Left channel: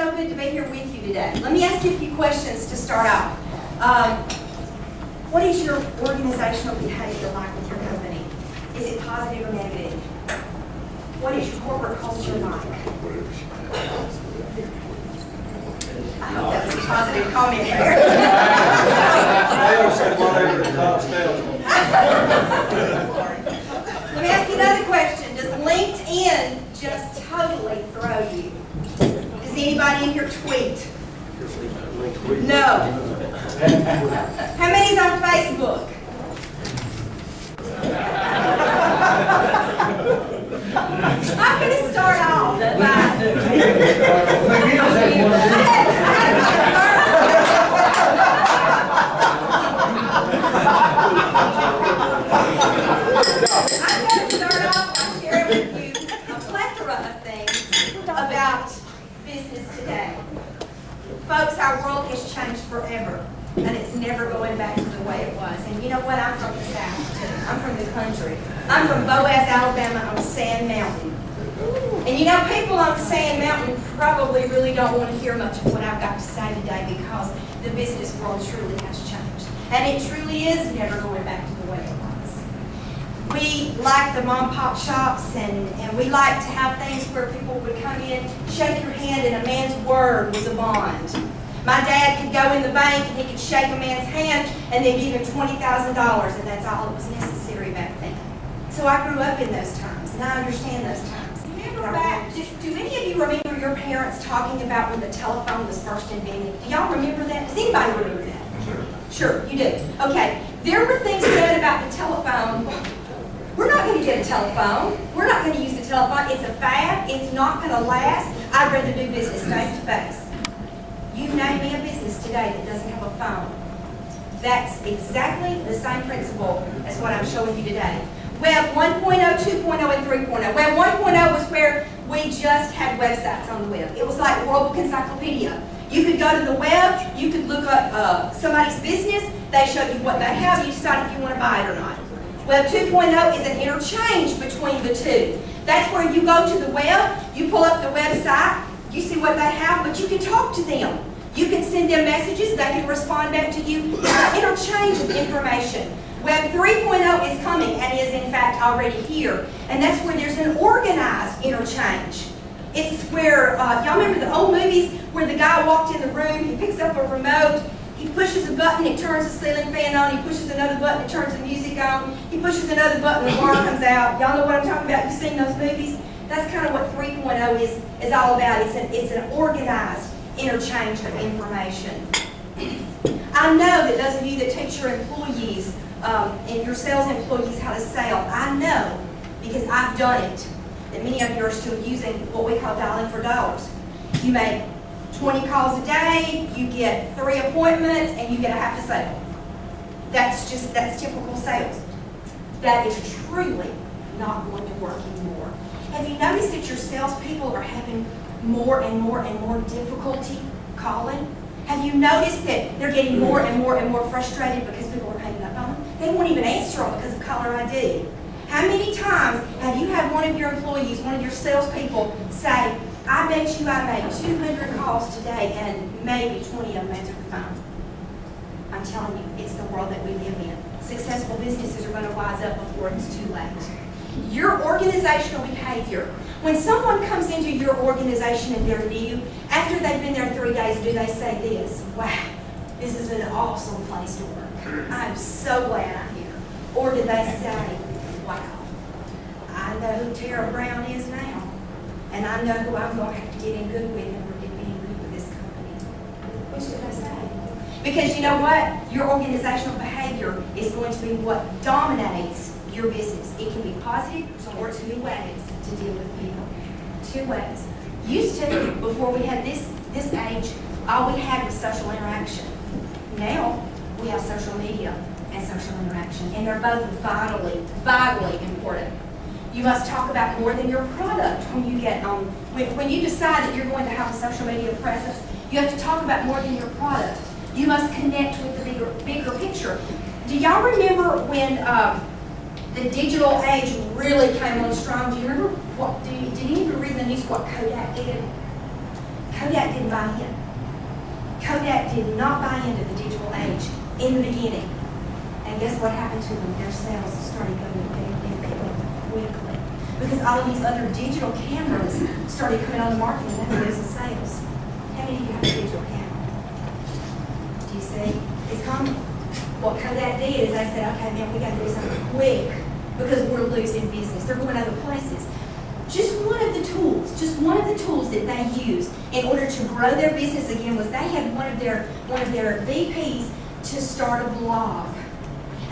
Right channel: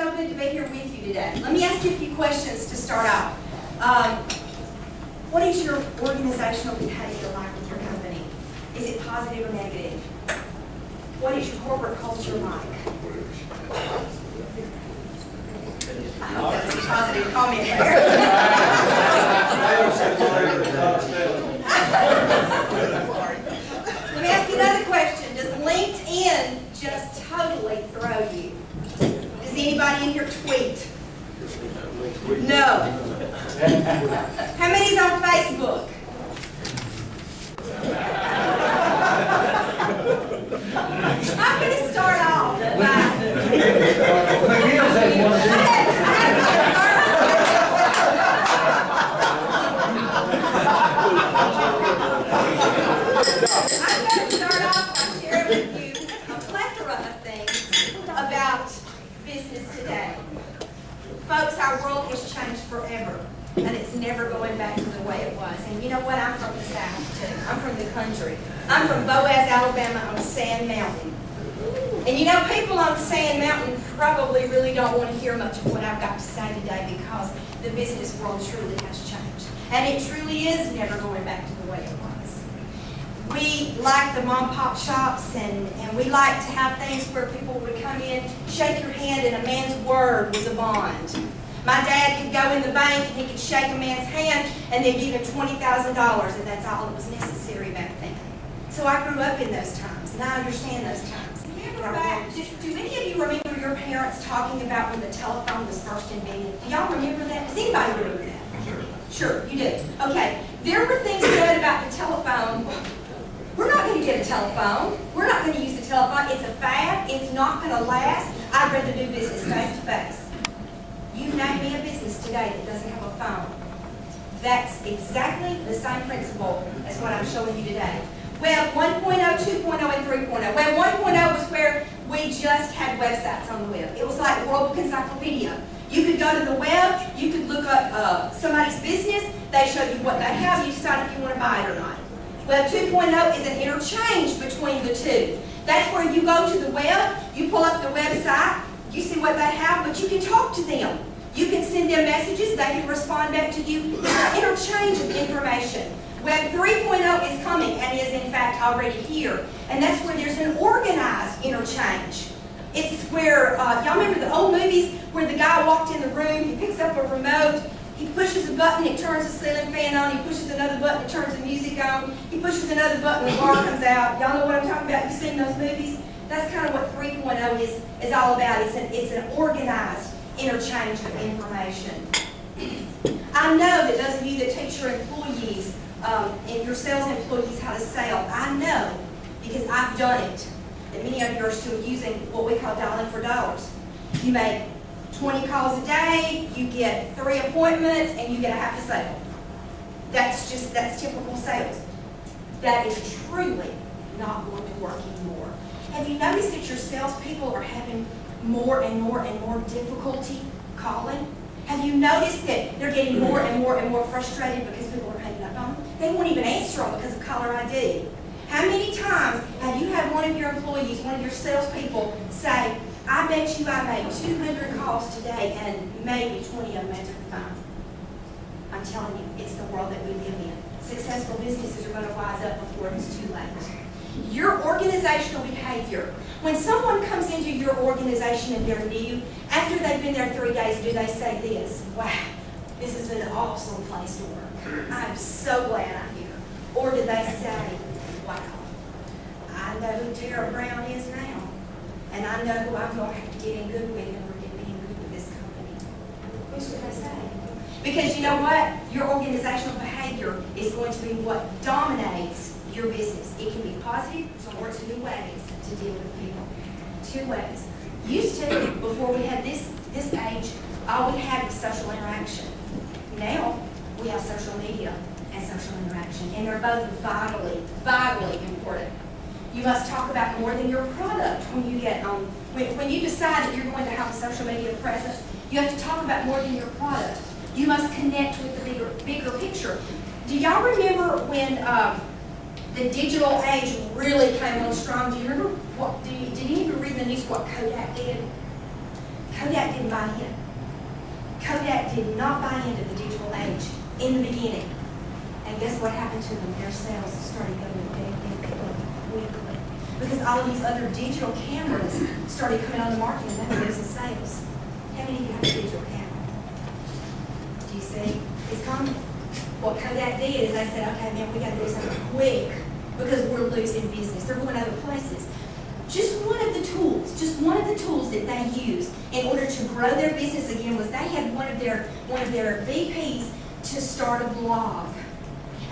so good to be here with you today. Let me ask you a few questions to start off. What is your organizational behavior like with your company? Is it positive or negative? What is your corporate culture like? I hope that was a positive comment there. Let me ask you another question. Does LinkedIn just totally throw you? Does anybody in here tweet? No. How many's on Facebook? I'm going to start off by... I'm going to start off by sharing with you a plethora of things about business today. Folks, our world has changed forever, and it's never going back to the way it was. And you know what? I'm from the South, too. I'm from the country. I'm from Boaz, Alabama, on Sand Mountain. And you know, people on Sand Mountain probably really don't want to hear much of what I've got to say today because the business world truly has changed. And it truly is never going back to the way it was. We like the mom-pop shops, and we like to have things where people would come in, shake your hand, and a man's word was a bond. My dad could go in the bank and he could shake a man's hand and they'd give him $20,000, and that's all that was necessary back then. So I grew up in those times, and I understand those times. Remember back, do any of you remember your parents talking about when the telephone was first invented? Do y'all remember that? Does anybody remember that? Sure, you do. Okay, there were things said about the telephone. We're not going to get a telephone. We're not going to use the telephone. It's a fad. It's not going to last. I'd rather do business face to face. You name me a business today that doesn't have a phone. That's exactly the same principle as what I'm showing you today. Web 1.0, 2.0, and 3.0. Web 1.0 was where we just had websites on the web. It was like World Book Encyclopedia. You could go to the web, you could look up somebody's business, they show you what they have, you decide if you want to buy it or not. Web 2.0 is an interchange between the two. That's where you go to the web, you pull up the website, you see what they have, but you can talk to them. You can send them messages, they can respond back to you. It's an interchange of information. Web 3.0 is coming and is in fact already here. And that's where there's an organized interchange. It's where, y'all remember the old movies where the guy walked in the room, he picks up a remote, he pushes a button, it turns the ceiling fan on, he pushes another button, it turns the music on, he pushes another button, the bar comes out. Y'all know what I'm talking about? You've seen those movies? That's kind of what 3.0 is all about. It's an organized interchange of information. I know that those of you that teach your employees and your sales employees how to sell, I know, because I've done it, that many of you are still using what we call dialing for dollars. You make 20 calls a day, you get 3 appointments, and you get a half a sale. That's typical sales. That is truly not going to work anymore. Have you noticed that your salespeople are having more and more and more difficulty calling? Have you noticed that they're getting more and more and more frustrated because people are hanging up on them? They won't even answer them because of caller ID. How many times have you had one of your employees, one of your salespeople say, I bet you I made 200 calls today and maybe 20 of them answered the phone? I'm telling you, it's the world that we live in. Successful businesses are going to wise up before it's too late. Your organizational behavior. When someone comes into your organization and they're new, after they've been there 3 days, do they say this? Wow, this is an awesome place to work. I'm so glad I'm here. Or do they say, wow, I know who Tara Brown is now, and I know who I'm going to have to get in good with, and we're getting in good with this company? Which do they say? Because you know what? Your organizational behavior is going to be what dominates your business. It can be positive or 2 ways to deal with people. 2 ways. Used to, before we had this age, all we had was social interaction. Now, we have social media and social interaction, and they're both vitally important. You must talk about more than your product when you get on. When you decide that you're going to have a social media presence, you have to talk about more than your product. You must connect with the bigger picture. Do y'all remember when the digital age really came on strong? Do you remember did any of you read in the news what Kodak did? Kodak did didn't buy in. Kodak did not buy into the digital age in the beginning. And guess what happened to them? Their sales started going down quickly. Because all of these other digital cameras started coming on the market, and that was the sales. How many of you have a digital camera? Do you see? It's coming. What Kodak did is they said, okay, man, we got to do something quick because we're losing business. They're going other places. Just one of the tools that they used in order to grow their business again was they had one of their VPs to start a blog.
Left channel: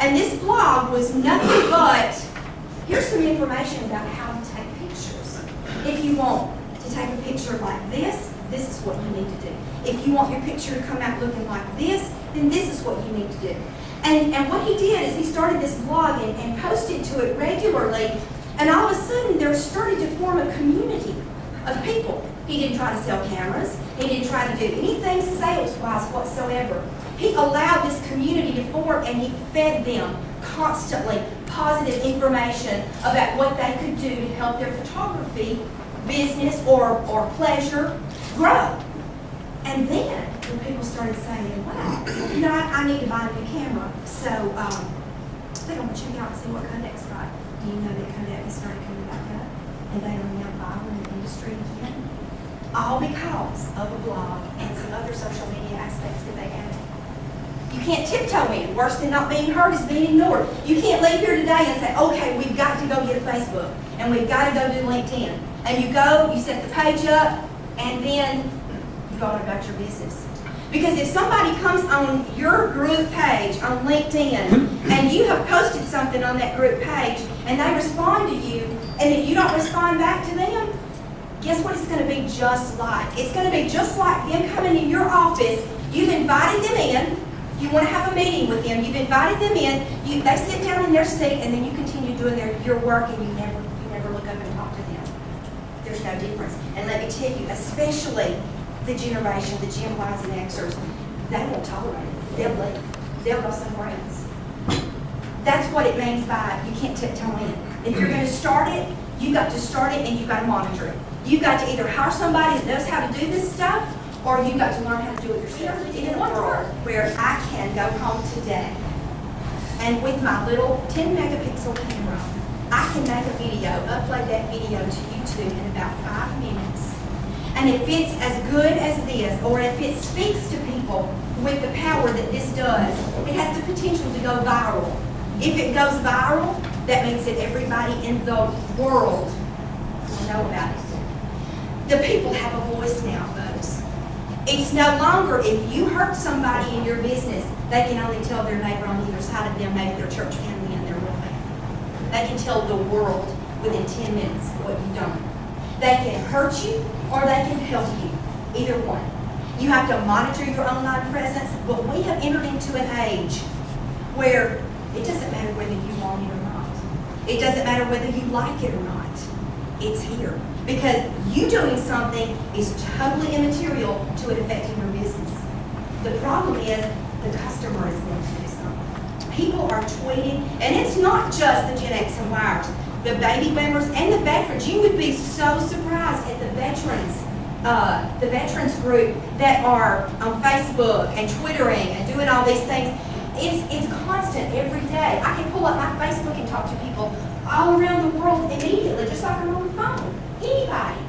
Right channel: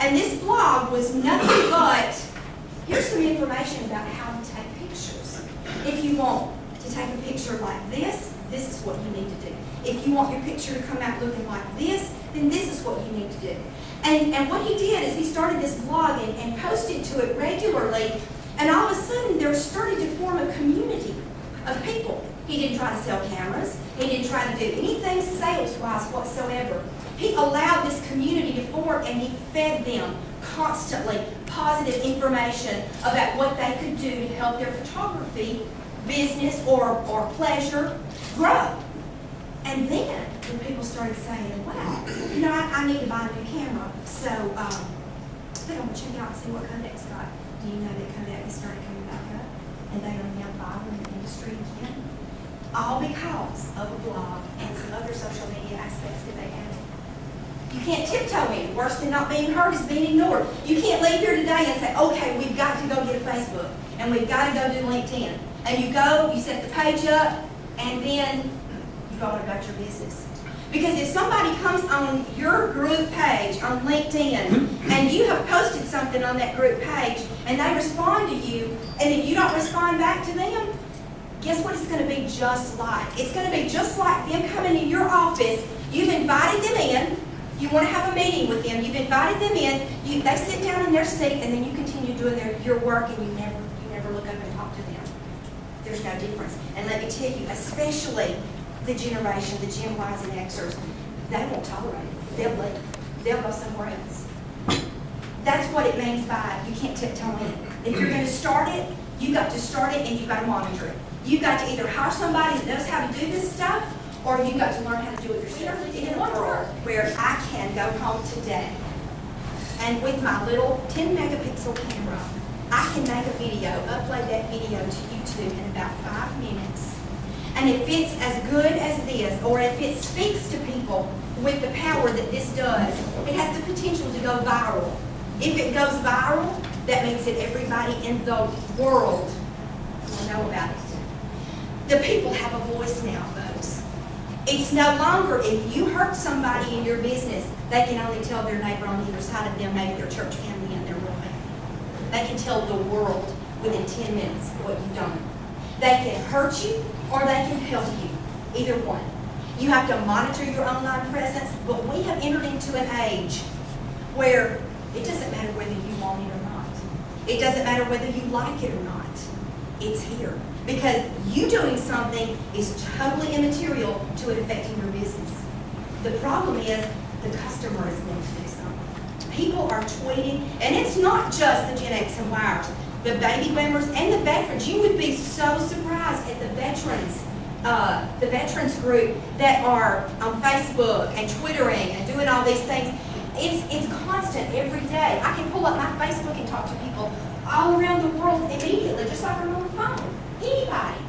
And this blog was nothing but, here's some information about how to take pictures. If you want to take a picture like this is what you need to do. If you want your picture to come out looking like this, then this is what you need to do. And what he did is he started this blog and posted to it regularly, and all of a sudden there started to form a community of people. He didn't try to sell cameras. He didn't try to do anything sales-wise whatsoever. He allowed this community to form, and he fed them constantly positive information about what they could do to help their photography business or pleasure grow. And then when people started saying, wow, you know, I need to buy a new camera, so I think I'm going to check out and see what Kodak's got. Do you know that Kodak has started coming back up? And they are now viral in the industry again? All because of a blog and some other social media aspects that they added. You can't tiptoe in. Worse than not being heard is being ignored. You can't leave here today and say, okay, we've got to go get a Facebook, and we've got to go do LinkedIn. And you go, you set the page up, and then you go on about your business. Because if somebody comes on your group page on LinkedIn, and you have posted something on that group page, and they respond to you, and then you don't respond back to them, guess what it's going to be just like? It's going to be just like them coming in your office. You've invited them in. You want to have a meeting with them. You've invited them in. They sit down in their seat, and then you continue doing your work, and you never look up and talk to them. There's no difference. And let me tell you, especially the generation, the Gen Ys and Xers, they won't tolerate it. They'll leave. They'll go somewhere else. That's what it means by you can't tiptoe in. If you're going to start it, you've got to start it, and you've got to monitor it. You've got to either hire somebody that knows how to do this stuff, or you've got to learn how to do it yourself. In a world where I can go home today, and with my little 10 megapixel camera, I can make a video, upload that video to YouTube in about 5 minutes. And if it's as good as this, or if it speaks to people with the power that this does, it has the potential to go viral. If it goes viral, that means that everybody in the world will know about it. The people have a voice now, folks. It's no longer if you hurt somebody in your business, they can only tell their neighbor on either side of them, maybe their church family and their real family. They can tell the world within 10 minutes what you've done. They can hurt you or they can help you, either one. You have to monitor your online presence, but we have entered into an age where it doesn't matter whether you want it or not. It doesn't matter whether you like it or not. It's here. Because you doing something is totally immaterial to it affecting your business. The problem is the customer is going to do something. People are tweeting, and it's not just the Gen X and Yers, the baby boomers and the veterans. You would be so surprised at the veterans group that are on Facebook and Twittering and doing all these things. It's constant every day. I can pull up my Facebook and talk to people all around the world immediately, just like I'm on the phone. Anybody.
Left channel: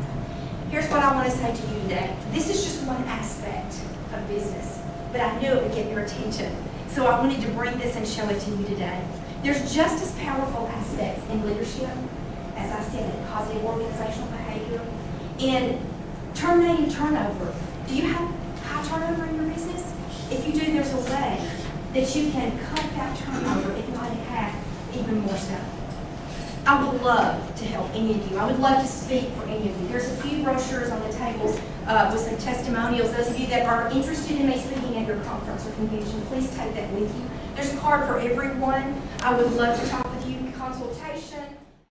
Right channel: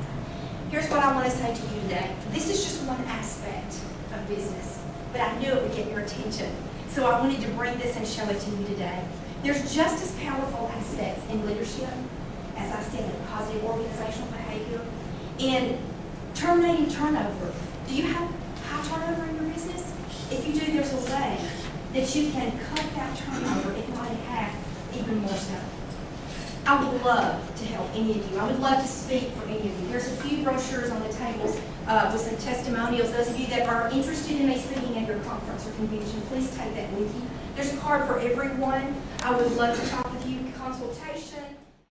Here's what I want to say to you today. This is just one aspect of business, but I knew it would get your attention. So I wanted to bring this and show it to you today. There's just as powerful aspects in leadership, as I said, in positive organizational behavior, in terminating turnover. Do you have high turnover in your business? If you do, there's a way that you can cut that turnover, if not in half, even more so. I would love to help any of you. I would love to speak for any of you. There's a few brochures on the tables with some testimonials. Those of you that are interested in me speaking at your conference or convention, please take that with you. There's a card for everyone. I would love to talk with you. Consultation.